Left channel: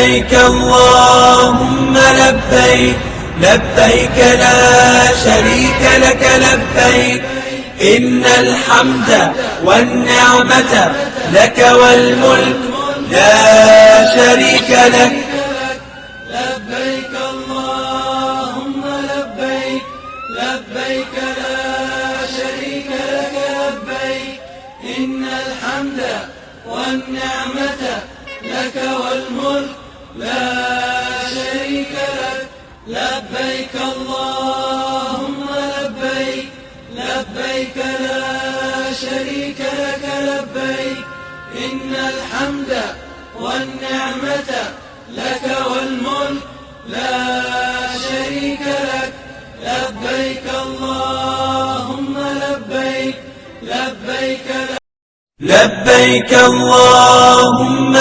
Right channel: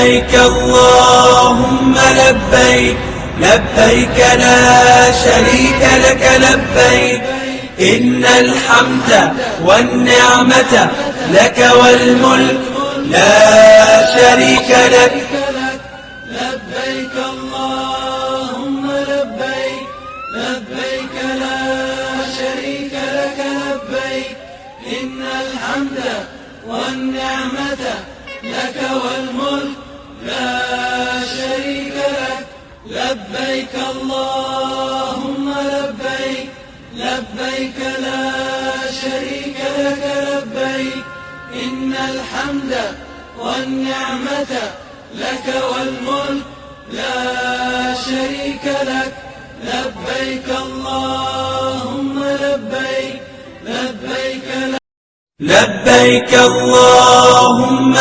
لبيك اللهم لبيك، لبيك لا شريك لك لبيك، إن الحمد والنعمة لك والملك لا شريك لك. لبيك اللهم لبيك، لبيك لا شريك لك لبيك، إن الحمد والنعمة لك والملك لا شريك لك. لبيك اللهم لبيك، لبيك لا شريك لك لبيك، إن الحمد والنعمة لك والملك لا شريك لك. لبيك اللهم لبيك، لبيك لبيك اللهم